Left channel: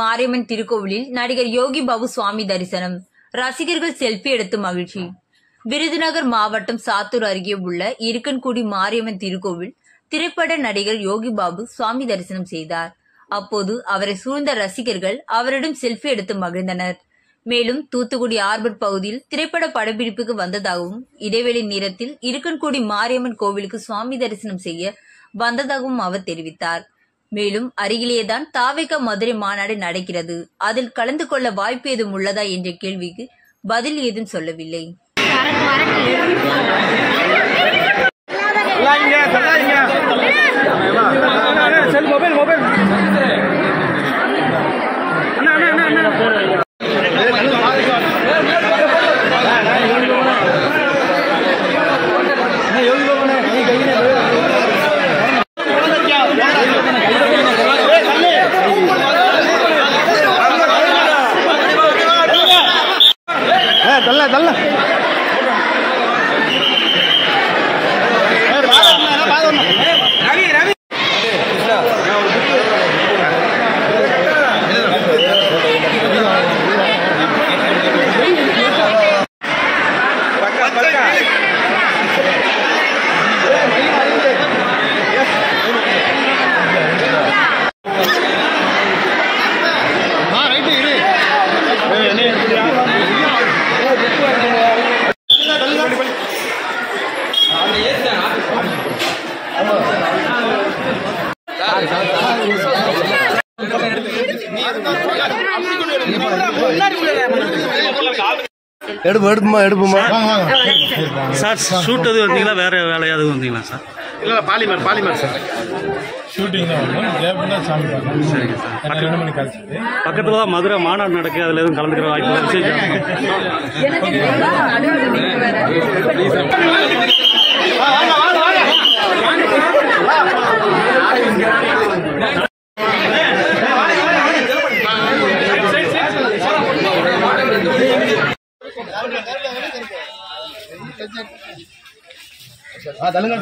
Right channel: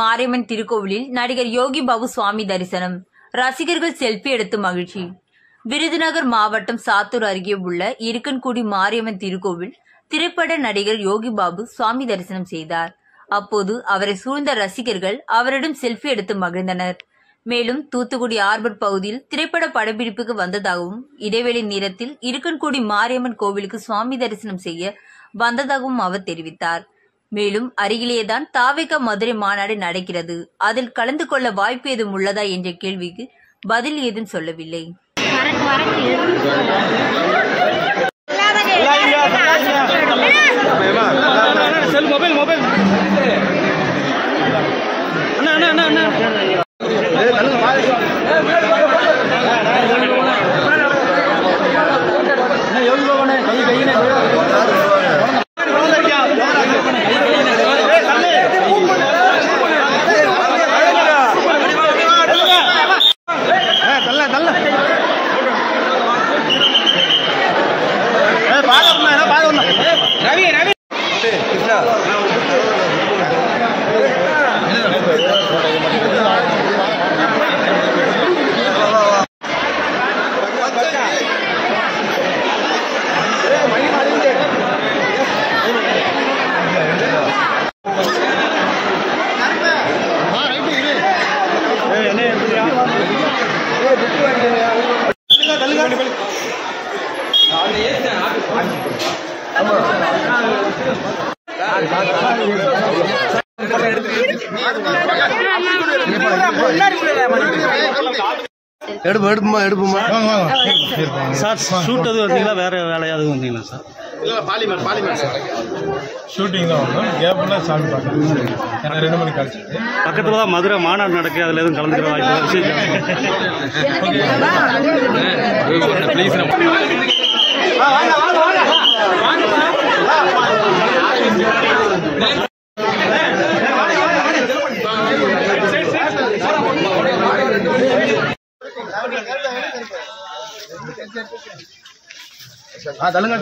மாரியம்மன் திருக்கோவிலில் நடிகர் யோகி பாபு சுவாமி தரிசனம். ரசிகர்கள் செல்பி எடுத்து மகிழ்ச்சி. விருதுநகர் மாவட்டம் சாத்தூர் அருகே உள்ள இருக்கன்குடி மாரியம்மன் திருக்கோவில் திரைப்பட நடிகர் யோகி பாபு சுவாமி தரிசனம் செய்தார். அப்போது அவரை சூழ்ந்த ரசிகர்கள் அவரிடம் செல்பி எடுத்து மகிழ்ந்தனர். மேலும் தூத்துக்குடி ஆர்பர் பகுதியில் திரைப்பட படப்பிடிப்புக்கு வந்ததாகவும் இடைவெளி நேரத்தில் இருக்கன்குடி மாரியம்மன் கோவிலுக்கு சுவாமி தரிசனம் செய்ய வந்ததாகவும் அவர் தெரிவித்தார். மேலும் அருகிலேதான் தாவேகா மதுரை மாநாடு நடக்கிறது, அதில் கலந்து கொள்ள வாய்ப்பு ஏதும் உள்ளதா என்ற கேள்விக்கு பதில் ஏதும் சொல்லவில்லை. சார் ஷூட் எதுவும் வந்தீங்களா, வேற வேலையாவது வந்தீங்களா சார்? இல்ல பாலிமர் சார் ஷூட்டிங் தான் வந்தோம். கேப்னா சாமி பார்க்கணும். சரிங்க சார். 2 மணி கழிச்சு பக்கத்துல தான் மதுரை மாநாடு நடக்கு, அதுல எதுவும் கலந்துக்கிற வாய்ப்பு இல்லை. விசேஷம் தள்ளுங்க